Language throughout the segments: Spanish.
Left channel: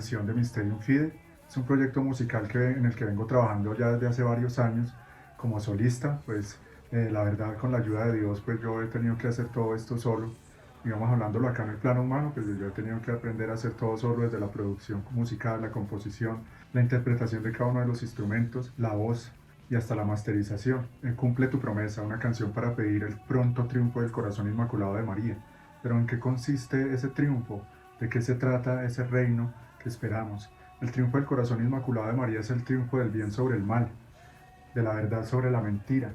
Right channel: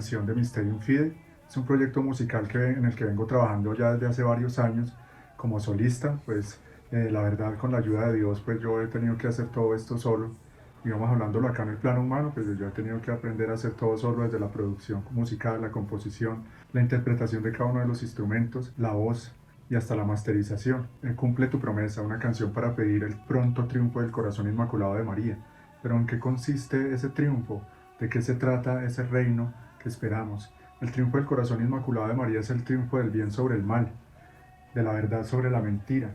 canción de Mysterium Fidei. Es un proyecto musical en el que vengo trabajando ya desde hace varios años como solista. Pues la verdad, con la ayuda de Dios, pues yo he tenido que hacer todo esto solo. Digamos, hablándolo acá en el plano humano, pues yo he tenido que aprender a hacer todo solo, desde la producción musical, la composición, la interpretación de cada uno de los instrumentos, la voz y hasta la masterización. Cumple tu promesa, una canción para pedir el pronto triunfo del corazón inmaculado de María. Pero ¿en qué consiste ese triunfo? ¿De qué se trata ese reino que esperamos? El triunfo del corazón inmaculado de María es el triunfo del bien sobre el mal, de la verdad sobre la mentira,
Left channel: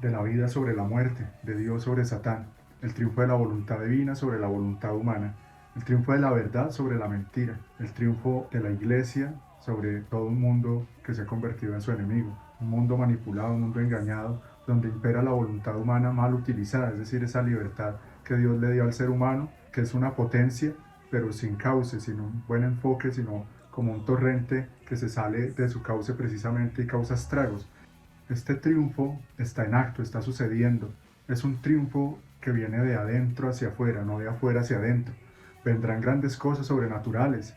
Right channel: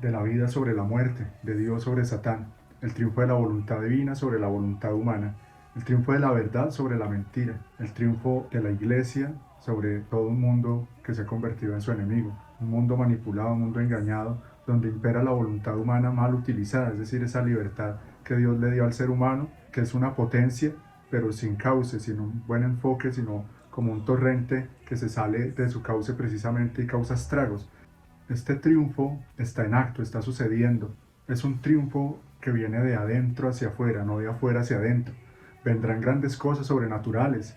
de la vida sobre la muerte, de Dios sobre Satán, el triunfo de la voluntad divina sobre la voluntad humana, el triunfo de la verdad sobre la mentira, el triunfo de la iglesia sobre todo un mundo que se ha convertido en su enemigo, un mundo manipulado, un mundo engañado, donde impera la voluntad humana mal utilizada, es decir, esa libertad que Dios le dio al ser humano, que es una potencia, pero sin cauce, sin un buen enfoque, sino como un torrente que se sale de su cauce precisamente y causa estragos. Este triunfo está en acto, está sucediendo. Es un triunfo que viene de adentro hacia afuera, no de afuera hacia adentro. Vendrán grandes cosas sobrenaturales,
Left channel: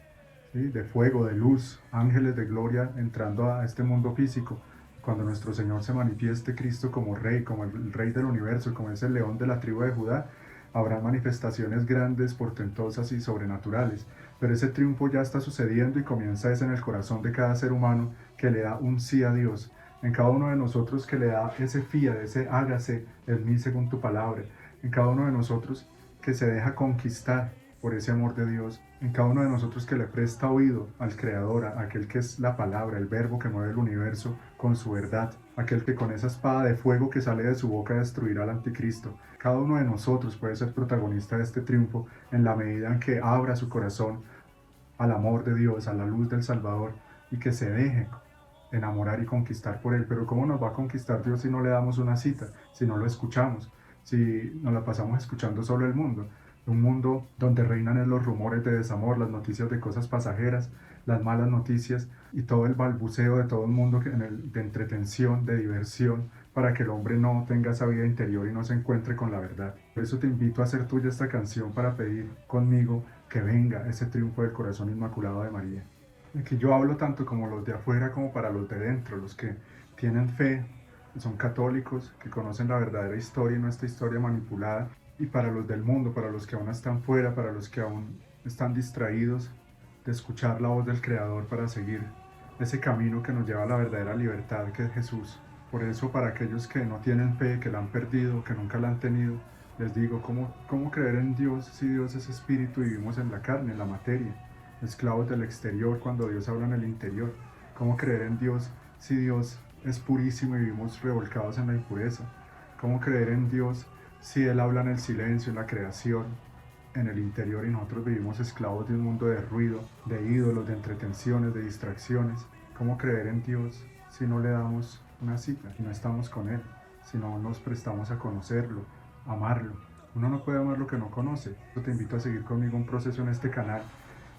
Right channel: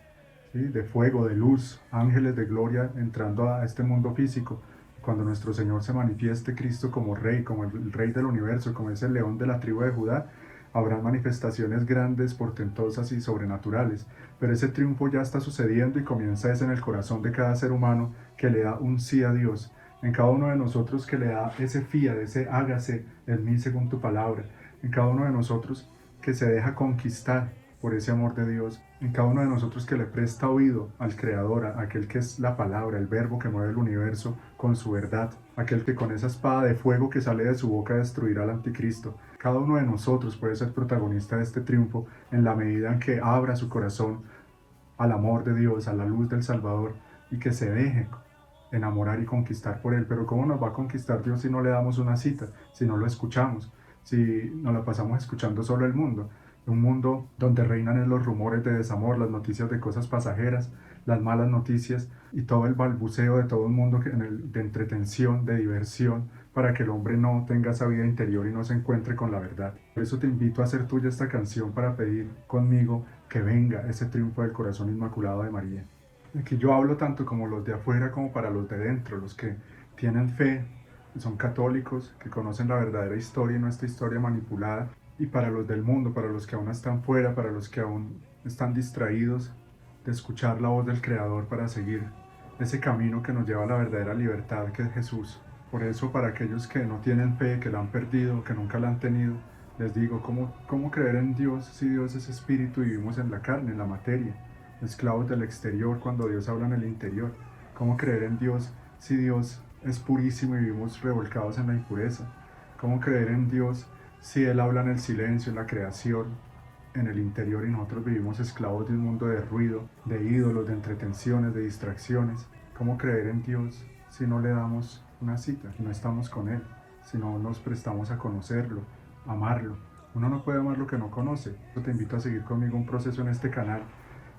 ¿sí? De fuego, de luz, ángeles de gloria entrando a este mundo físico. Cuando nuestro Señor se manifieste Cristo como Rey, como el Rey del universo, como ese león de la tribu de Judá, habrá manifestaciones grandes, portentosas y sobrenaturales. Pero ese triunfo ya está sucediendo y comienza en el corazón de cada ser humano que le da un sí a Dios, en cada uno de nosotros que le da ese fiat, ese hágase en mí según tu palabra, en cada uno de nosotros que se deja conquistar por ese amor de Dios, en cada uno de nosotros que le presta oído al Creador, a aquel que es la palabra, el verbo que mueve el universo con su verdad, aquel que con esa espada de fuego que sale de su boca destruirá al anticristo. Cada uno de nosotros puede ser protagonista de este triunfo en la medida en que abra su corazón al amor de Dios, a la luz del Salvador, y que se deje enamorar y conquistar por Él. Pero ¿cómo nos va a conquistar Dios si no le damos una cita, si no lo escuchamos, si nos la pasamos escuchando solo el mundo? Un mundo donde reinan en los rumores de desamor, las noticias de cosas pasajeras, las malas noticias y todo el balbuceo de todo el mundo de entretención, de diversión, para que el hombre no tenga esa vida interior y no se encuentre con la verdad. Por eso te invito a hacer tuya esta canción para pedir conmigo que venga ese triunfo del corazón inmaculado de María. Aquí yo hablo tanto como los de afuera como para los de dentro, los que tienen fe, que son católicos, que conocen la verdadera historia y no esta historia manipulada, y para los del mundo, para los que aún están fuera, para los que aún están distraídos de escuchar la voz del Creador para seguir ese camino que nos lleva a la verdadera libertad, que es Jesús. Por eso, para aquellos que no tienen fe, que la han perdido, que nunca la han tenido, les digo, ¿cómo creer en Dios si Dios es espíritu y vivimos en la carne, en la materia? Esclavos del exterior cuando Dios habla en el interior. ¿Cómo creer en Dios si Dios es purísimo y vivimos revolcados en la impureza? ¿Cómo creer en Dios si Él habla en el silencio, en la creación, en el interior y nosotros vivimos esclavos de un mundo de ruido, de ídolos, de entretenciones, de distracciones? ¿Cómo creer en Dios si no le damos una cita, si no estamos con Él, si no nos prestamos a conocerlo, a amarlo? Uno no puede amar lo que no conoce. Yo te invito a seguir conmigo un proceso en este canal,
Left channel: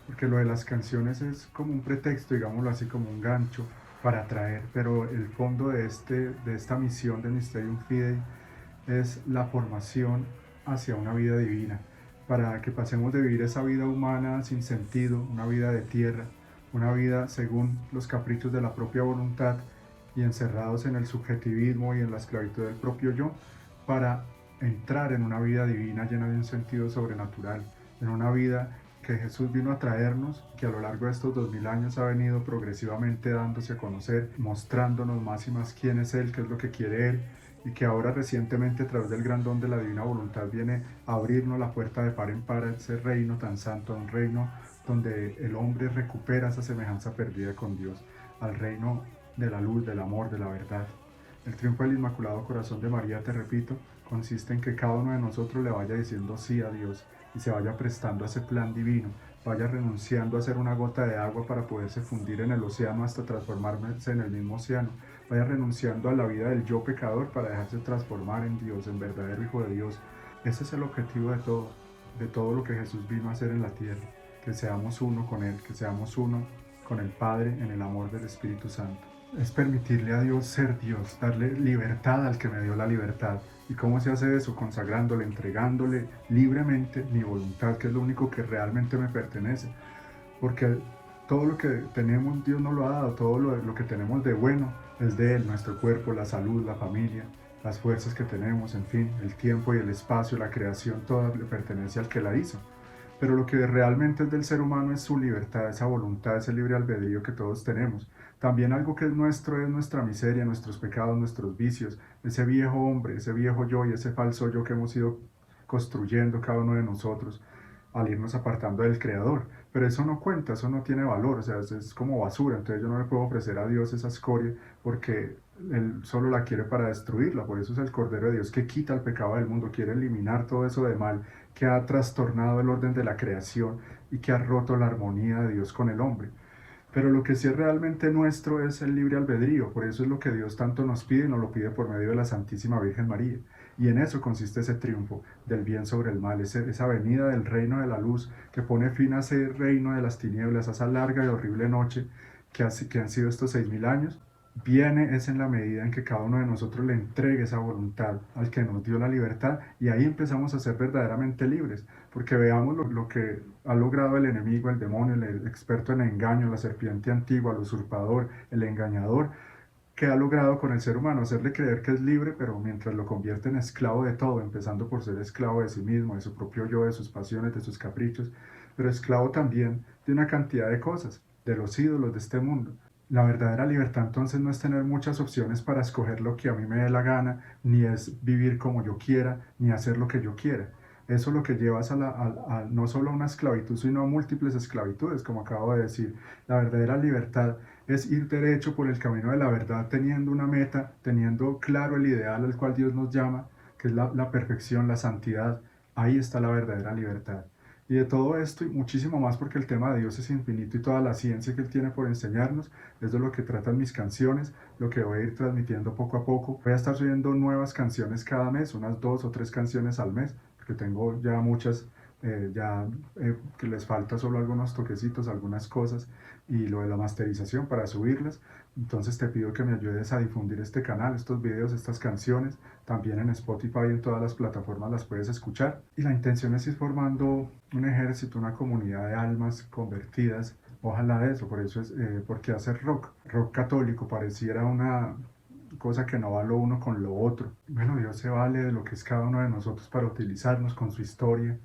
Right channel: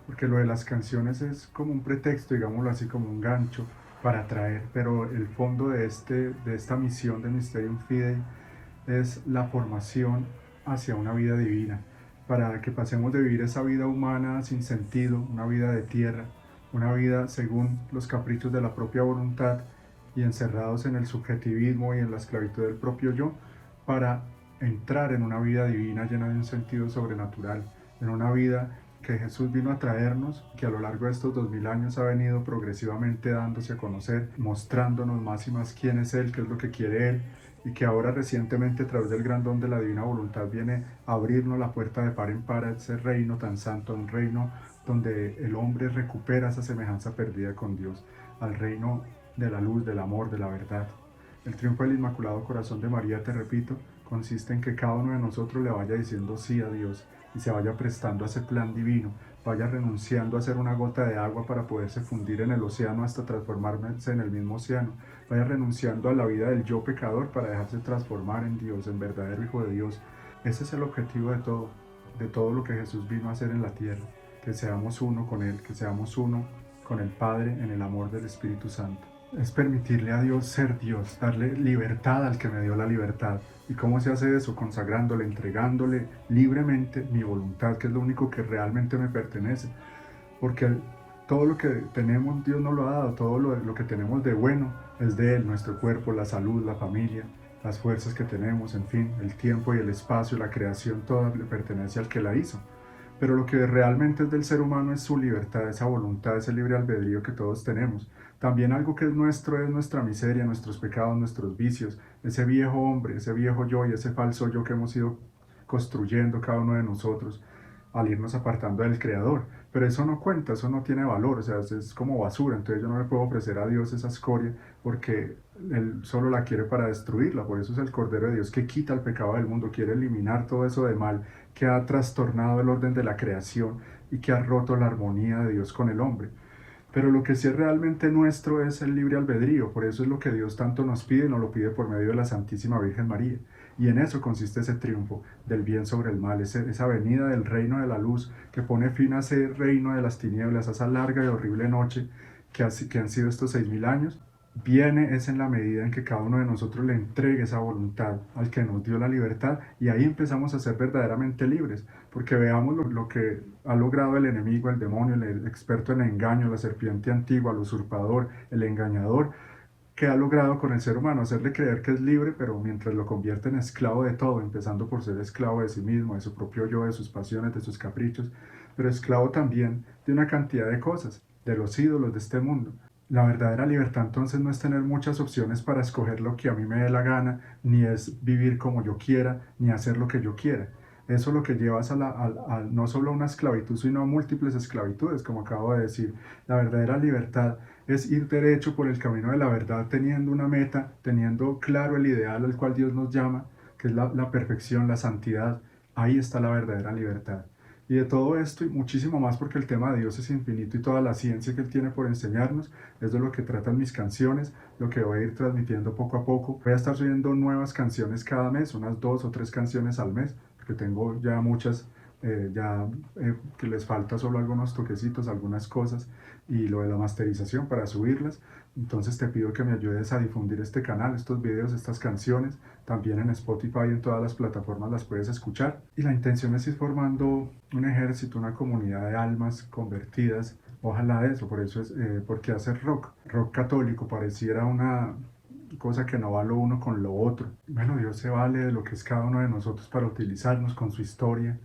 porque lo de las canciones es como un pretexto, digámoslo así, como un gancho para atraer, pero el fondo de esta misión del Mysterium Fidei es la formación hacia una vida divina, para que pasemos de vivir esa vida humana sin sentido, una vida de tierra, una vida según los caprichos de la propia voluntad y encerrados en el subjetivismo y en la esclavitud del propio yo, para entrar en una vida divina llena de un sentido sobrenatural, en una vida que Jesús vino a traernos, que a lo largo de estos 2000 años ha venido progresivamente dándose a conocer, mostrándonos más y más quién es Él, qué es lo que quiere Él, y que ahora recientemente a través del gran don de la divina voluntad viene a abrirnos la puerta de par en par a ese reino tan santo, un reino donde el hombre recupera esa semejanza perdida con Dios, al reino de la luz, del amor, de la verdad. El triunfo del Inmaculado Corazón de María, te repito, consiste en que cada uno de nosotros le vaya diciendo sí a Dios y se vaya prestando a ese plan divino, vaya renunciando a ser una gota de agua para poderse fundir en el océano hasta transformarse en el mismo océano, vaya renunciando a la vida del yo pecador para dejarse transformar en Dios, en verdadero Hijo de Dios. Ese es el objetivo de todo lo que Jesús vino a hacer en la tierra, que seamos uno con Él, que seamos uno con el Padre en el amor del Espíritu Santo. Es permitirle a Dios ser Dios, darle libertad al que me dio la libertad. ¿Y cómo se hace eso? Consagrándole, entregándole libremente mi voluntad, que es lo único que realmente me pertenece. Porque Todo lo que tenemos, Dios nos lo ha dado, todo lo que tenemos de bueno es de Él, nuestro cuerpo, la salud, la familia, las fuerzas que tenemos, en fin, el tiempo y el espacio, la creación, toda le pertenece al que la hizo. Pero lo que realmente es del ser humano es su libertad, esa voluntad, ese libre albedrío que todos tenemos. También algo que es nuestro es nuestra miseria, nuestros pecados, nuestros vicios, ese viejo hombre, ese viejo yo y ese falso yo que hemos ido construyendo cada uno de nosotros al irnos apartando del Creador. Pero eso no cuenta, eso no tiene valor, o sea, es como basura. Entonces yo no le puedo ofrecer a Dios esa escoria porque Él solo la quiere para destruirla. Por eso es el Cordero de Dios que quita el pecado del mundo, quiere eliminar todo eso de mal que ha trastornado el orden de la creación y que ha roto la armonía de Dios con el hombre. Pero lo que sí es realmente nuestro es el libre albedrío, por eso es lo que Dios tanto nos pide, nos lo pide por medio de la Santísima Virgen María. Y en eso consiste ese triunfo del bien sobre el mal, esa venida del reino de la luz que pone fin a ese reino de las tinieblas, a esa larga y horrible noche que han sido estos 6000 años. Viene es en la medida en que cada uno de nosotros le entregue esa voluntad al que nos dio la libertad y ahí empezamos a ser verdaderamente libres, porque veamos lo que ha logrado el enemigo, el demonio, el experto en engaño, la serpiente antigua, el usurpador, el engañador, que ha logrado con el ser humano hacerle creer que es libre, pero mientras lo convierte en esclavo de todo, empezando por ser esclavo de sí mismo, de su propio yo, de sus pasiones, de sus caprichos, pero esclavo también de una cantidad de cosas, de los ídolos de este mundo. La verdadera libertad entonces no es tener muchas opciones para escoger lo que a mí me dé la gana, ni es vivir como yo quiera, ni hacer lo que yo quiera. Eso lo que llevas no solo a una esclavitud, sino a múltiples esclavitudes, como acabo de decir. La verdadera libertad es ir derecho por el camino de la verdad, teniendo una meta, teniendo claro el ideal al cual Dios nos llama, que es la perfección, la santidad. Ahí está la verdadera libertad. Y de todo esto y muchísimo más, porque el tema de Dios es infinito y toda la ciencia que Él tiene por enseñarnos es de lo que tratan mis canciones, lo que voy a ir transmitiendo poco a poco. Voy a estar subiendo nuevas canciones cada mes, unas 2 o 3 canciones al mes, porque tengo ya muchas, que les falta solo algunos toquecitos, algunas cosas y lo de la masterización para subirlas. Entonces te pido que me ayudes a difundir este canal, estos videos, estas canciones. También en Spotify y en todas las plataformas las puedes escuchar. Y la intención es ir formando un ejército, una comunidad de almas convertidas. Ojalá eso, por eso es, porque hacer rock, rock católico pareciera una cosa que no va lo uno con lo otro. Bueno, Dios se vale de lo que es cada uno de nosotros para utilizarnos con su historia,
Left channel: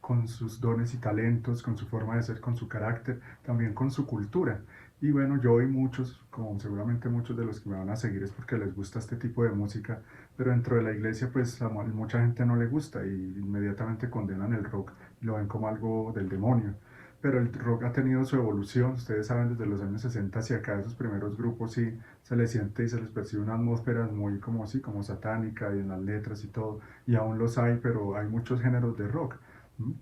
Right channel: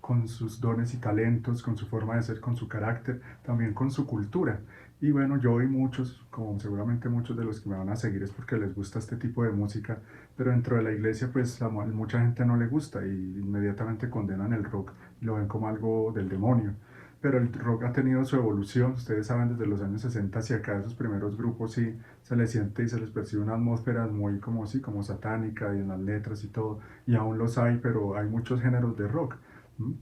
con sus dones y talentos, con su forma de ser, con su carácter, también con su cultura. Y bueno, yo y muchos, como seguramente muchos de los que me van a seguir es porque les gusta este tipo de música, pero dentro de la iglesia pues a mucha gente no le gusta y inmediatamente condenan el rock y lo ven como algo del demonio. Pero el rock ha tenido su evolución, ustedes saben, desde los años 60 hacia acá, esos primeros grupos sí se les siente y se les percibe una atmósfera muy como sí, como satánica y en las letras y todo, y aún los hay, pero hay muchos géneros de rock. ¿Mm?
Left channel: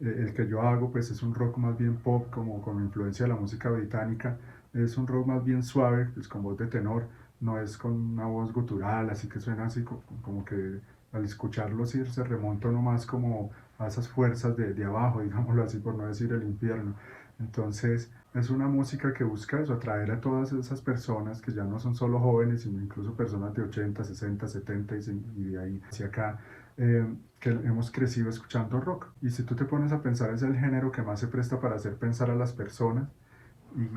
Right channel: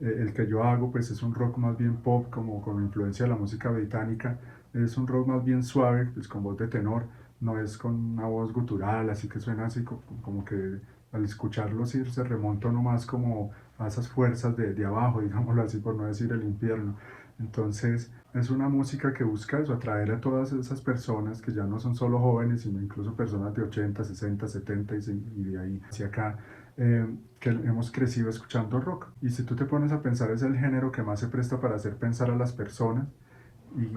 El que yo hago pues es un rock más bien pop, como con influencia de la música británica, es un rock más bien suave, pues con voz de tenor, no es con una voz gutural, así que suena así como que al escucharlo sí se remonta uno más como a esas fuerzas de abajo, digámoslo así, por no decir el infierno. Entonces es una música que busca eso, atraer a todas esas personas que ya no son solo jóvenes, sino incluso personas de 80, 60, 70 y de ahí hacia acá, que hemos crecido escuchando rock. Y si tú te pones a pensar, es el género que más se presta para hacer pensar a las personas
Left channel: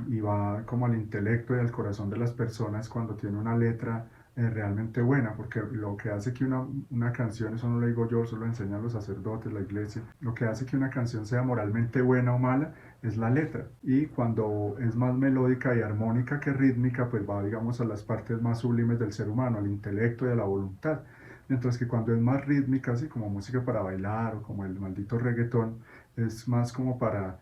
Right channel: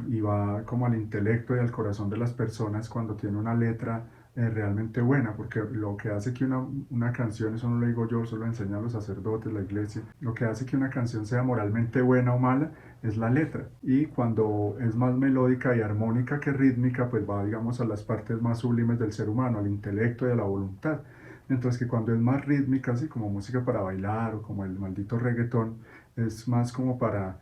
y va como al intelecto y al corazón de las personas cuando tiene una letra realmente buena, porque lo que hace que una canción, eso no lo digo yo, eso lo enseñan los sacerdotes, la iglesia, lo que hace que una canción sea moralmente buena o mala es la letra. Y cuando es más melódica y armónica que rítmica, pues va, digamos, a las partes más sublimes del ser humano, al intelecto y a la voluntad. Mientras que cuando es más rítmica, así como música para bailar o como el maldito reggaetón, es más como para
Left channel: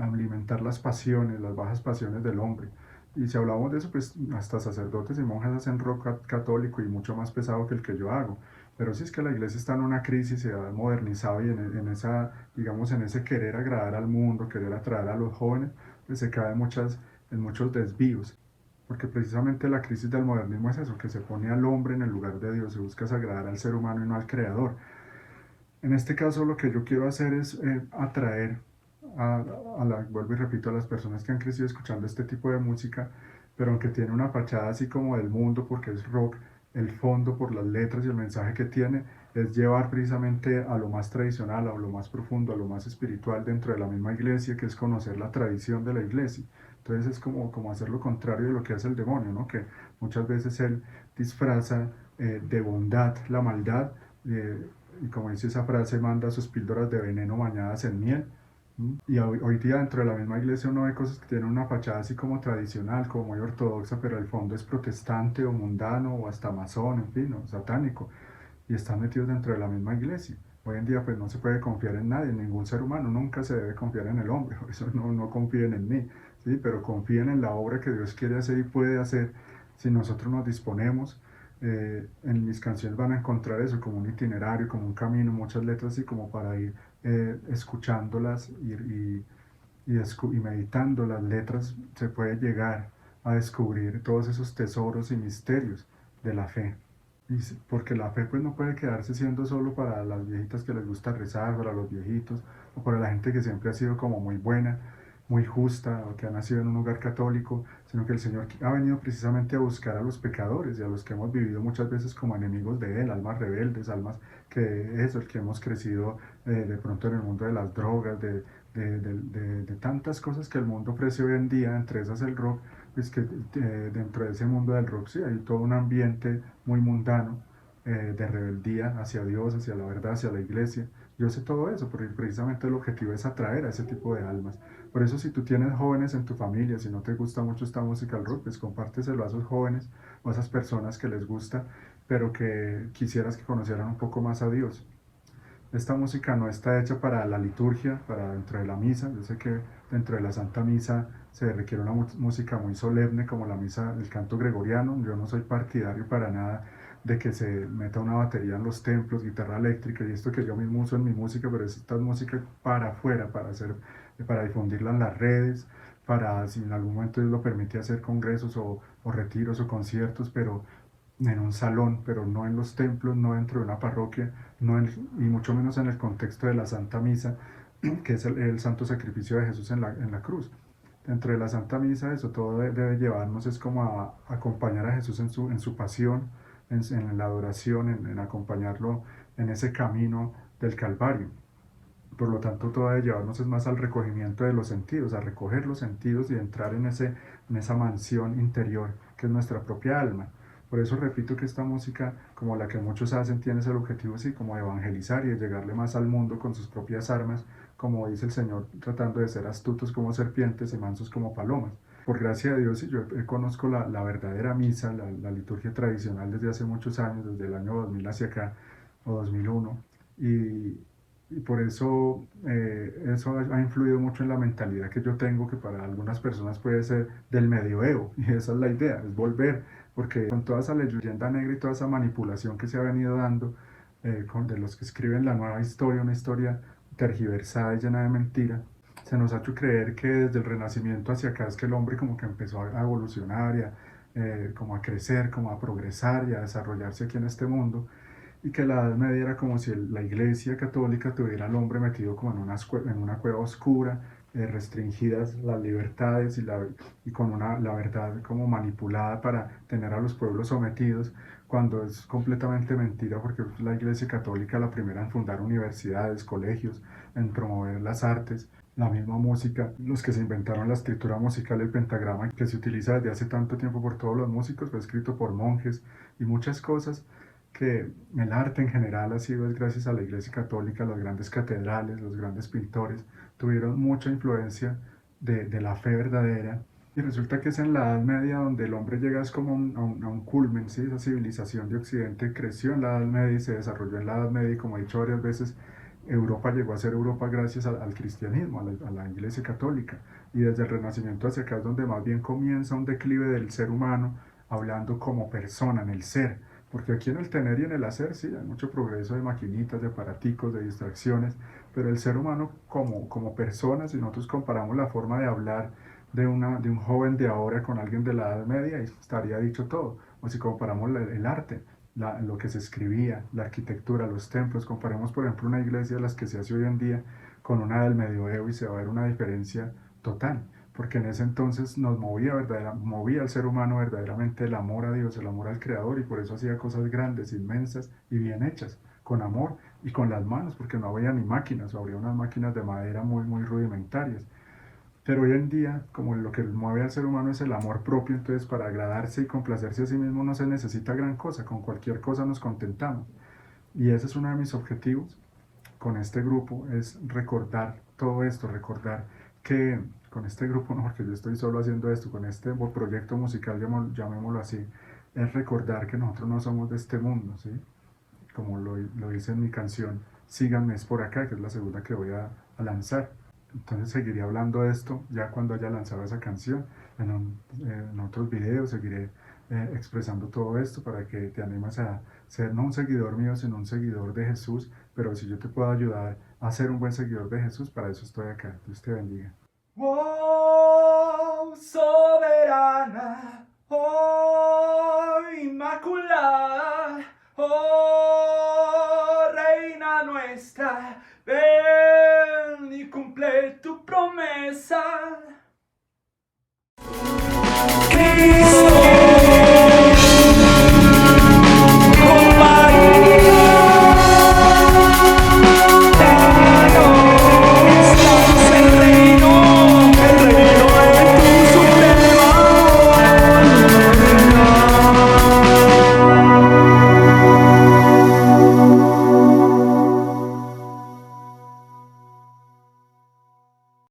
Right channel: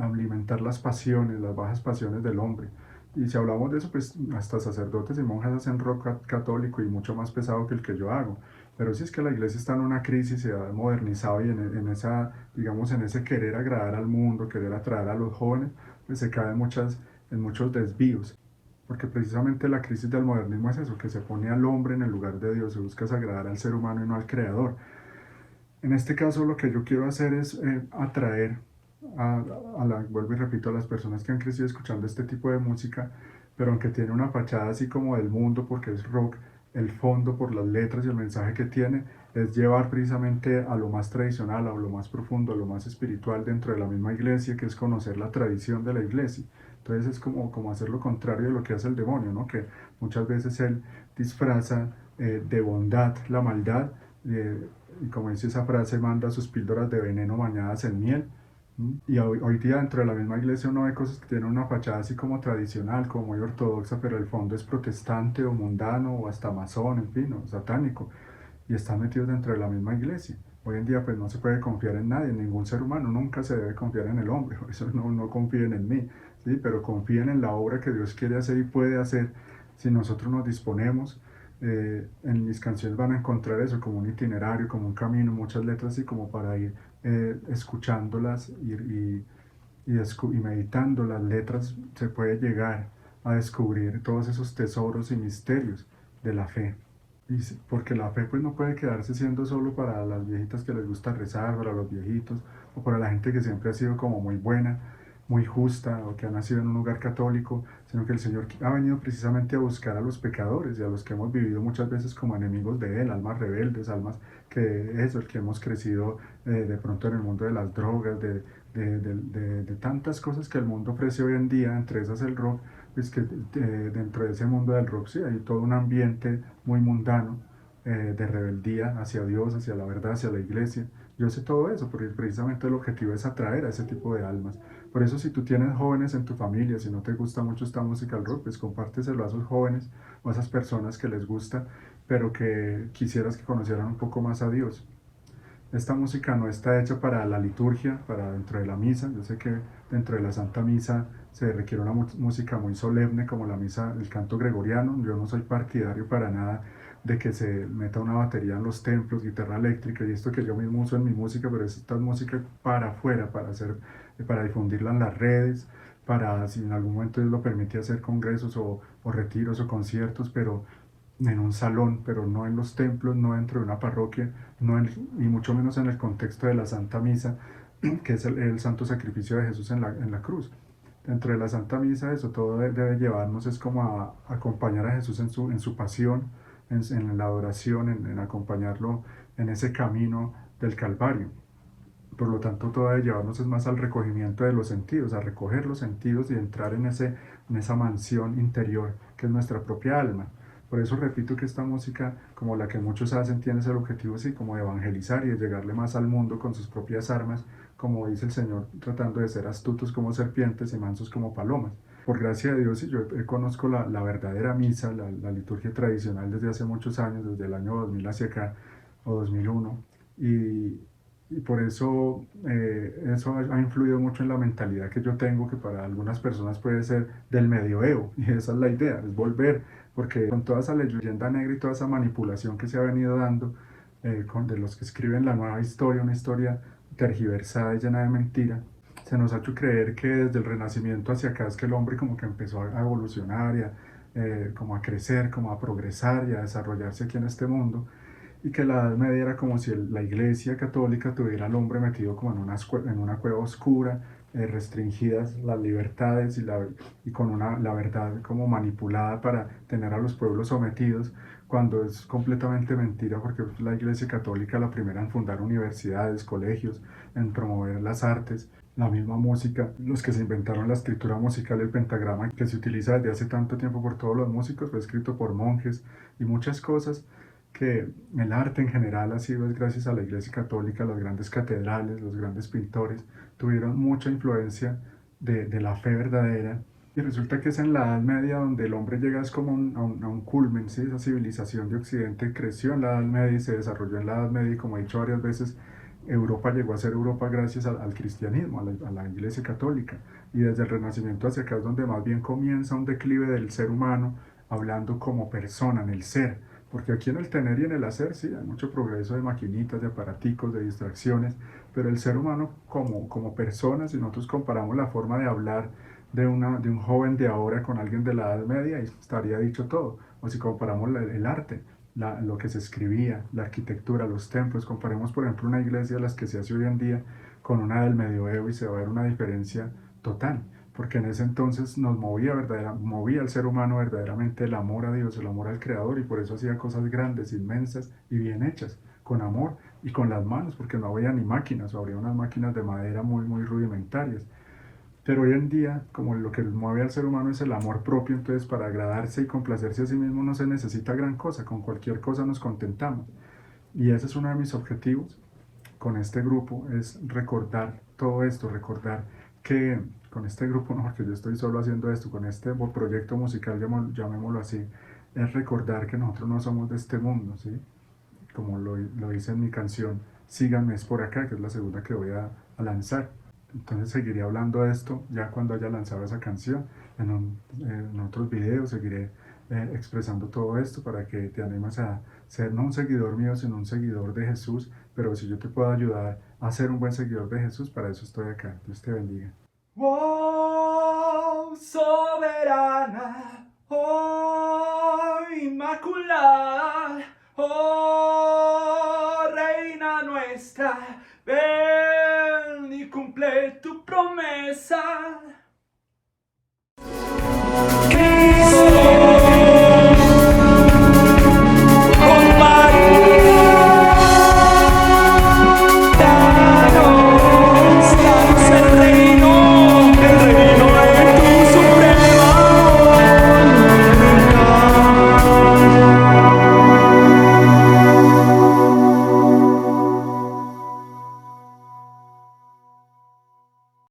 alimentar las pasiones, las bajas pasiones del hombre. Y si hablamos de eso, pues hasta sacerdotes y monjas hacen rock católico y mucho más pesado que el que yo hago. Pero si es que la iglesia está en una crisis, se ha modernizado y en esa, digamos, en ese querer agradar al mundo, querer atraer a los jóvenes, pues se cae en muchos desvíos. Porque precisamente la crisis del modernismo es eso, que se pone al hombre en el lugar de Dios, se busca agradar al ser humano y no al creador. En este caso lo que yo quiero hacer es atraer vuelvo y repito, a las personas que han crecido escuchando este tipo de música, pero aunque tiene una fachada así como del mundo porque es rock, el fondo, por las letras y el mensaje que tiene, es llevar precisamente a lo más tradicional, a lo más profundo, a lo más espiritual dentro de la misma iglesia, que es conocer la tradición de la iglesia. Entonces es como hacer lo contrario de lo que hace el demonio, ¿no? Que muchas veces él disfraza de bondad la maldad, y como dice esa frase, manda sus píldoras de veneno bañadas en miel. Y hoy día dentro de la misma iglesia uno ve cosas que tienen una fachada así como tradicional, como muy ortodoxa, pero el fondo es protestante o mundano o hasta masón, en fin, o satánico, y están metidos dentro de la misma iglesia. Hoy en día pues no se puede confiar en nadie, en ningún ser humano, nunca se debe confiar en el hombre, por eso no confíen en mí, ¿sí? Pero confíen en la obra que Dios quiere hacer y puede hacer si nosotros nos disponemos. En mis canciones van a encontrar eso como un itinerario, como un camino, muchas letras así como para ir escuchándolas y meditando las letras se puede llegar a descubrir todos esos tesoros y misterios de la fe. Porque la fe pues no puede quedarse siendo solo para las viejitas que les gusta rezar, para los viejitos, o para la gente que siempre ha sido como muy buena, muy justa, o que ha nacido en un lugar católico, sino que el Señor ha venido precisamente a buscar a los pecadores y a los que hemos vivido muchas veces como enemigos de Él, almas rebeldes, almas que eso, el que hemos crecido de pronto en el mundo de las drogas, de tantas cosas que el mundo ofrece hoy en día, entre esas el rock, pues que dentro de ese mundo del rock sí hay todo un ambiente muy mundano, de rebeldía hacia Dios, hacia la verdad, hacia la iglesia. Yo sé todo eso, porque precisamente el objetivo es atraer a ese tipo de almas. Por eso si tú tienes jóvenes en tu familia, si no te gusta mucho esta música del rock, pues compárteselo a esos jóvenes o a esas personas que les gusta, pero que quisieras que conocieran un poco más a Dios. Esta música no está hecha para la liturgia, para dentro de la misa. Yo sé que dentro de la Santa Misa se requiere una música muy solemne como la misa, el canto gregoriano. Yo no soy partidario para nada de que se meta una batería en los templos, guitarra eléctrica y esto que yo mismo uso en mi música, pero esta es música para afuera, para difundirla en las redes, para si en algún momento Dios lo permite hacer congresos o retiros o conciertos, pero en un salón, pero no en los templos, no dentro de una parroquia, y mucho menos en el contexto de la Santa Misa, que es el santo sacrificio de Jesús en la cruz. Dentro de la Santa Misa, eso todo debe llevarnos, es como a acompañar a Jesús en su pasión, en la adoración, en acompañarlo en ese camino del Calvario. Por lo tanto, todo debe llevarnos es más al recogimiento de los sentidos, a recoger los sentidos y entrar en esa mansión interior que es nuestra propia alma. Por eso repito que esta música, como la que muchos hacen, tiene ese objetivo así como de evangelizar y de llegarle más al mundo con sus propias armas, como dice el Señor, tratando de ser astutos como serpientes y mansos como palomas. Por gracia de Dios, yo conozco la verdadera misa, la liturgia tradicional desde hace muchos años, desde el año 2000 hacia acá, o 2001, y, y por eso eso ha influido mucho en la mentalidad que yo tengo, que para algunas personas puede ser del medioevo, y esa es la idea, es volver, porque con toda esa leyenda negra y toda esa manipulación que se ha venido dando, de los que escriben la nueva historia, una historia tergiversada y llena de mentira, se nos ha hecho creer que desde el Renacimiento hacia acá es que el hombre como que empezó a evolucionar y como a crecer, como a progresar y a desarrollarse aquí en este mundo, y que la Edad Media era como si la Iglesia Católica tuviera al hombre metido como en una cueva oscura, restringidas las libertades y con la verdad como manipulada para tener a los pueblos sometidos, cuando es completamente mentira, porque la Iglesia Católica la primera en fundar universidades, colegios, en promover las artes, la misma música, los que se inventaron la escritura musical, el pentagrama que se utiliza desde hace tanto tiempo por todos los músicos, fue escrito por monjes y muchas cosas que el arte en general ha sido gracias a la Iglesia Católica, las grandes catedrales, los grandes pintores, tuvieron mucha influencia de la fe verdadera. Y resulta que es en la Edad Media donde el hombre llega es como a un culmen, ¿sí? Esa civilización de Occidente creció en la Edad Media y se desarrolló en la Edad Media y como he dicho varias veces, Europa llegó a ser Europa gracias al cristianismo, a la Iglesia Católica. Y desde el Renacimiento hacia acá es donde más bien comienza un declive del ser humano, hablando como persona, en el ser. Porque aquí en el tener y en el hacer, sí, hay mucho progreso de maquinitas, de aparaticos, de distracciones, pero el ser humano como persona, si nosotros comparamos la forma de hablar de un joven de ahora con alguien de la Edad Media, estaría dicho todo. O si comparamos el arte, lo que se escribía, la arquitectura, los templos, comparamos por ejemplo una iglesia de las que se hace hoy en día con una del medioevo y se va a ver una diferencia total, porque en ese entonces nos movía, movía al ser humano verdaderamente el amor a Dios, el amor al Creador, y por eso hacía cosas grandes, inmensas y bien hechas, con amor y con las manos, porque no había ni máquinas, o había unas máquinas de madera muy, muy rudimentarias. Pero hoy en día, como lo que mueve al ser humano es el amor propio, entonces para agradarse y complacerse a sí mismo no se necesita gran cosa, con cualquier cosa nos contentamos. Y ese es uno de mis objetivos con este grupo, es recordar todo esto, recordar que con este grupo, no, porque yo estoy solo haciendo esto, con este proyecto musical, llamémoslo así, es recordar que nosotros no somos de este mundo, ¿sí? Como lo dice en mi canción, Síganme es por acá, que es la segunda que voy a lanzar. Entonces seguiré hablando de esto ya cuando haya lanzado esa canción. En otros videos seguiré expresando todo esto para que te animes a ser no un seguidor mío, sino un seguidor de Jesús. Pero si yo te puedo ayudar a ser un buen seguidor de Jesús, para eso estoy acá. Dios te bendiga. Wow,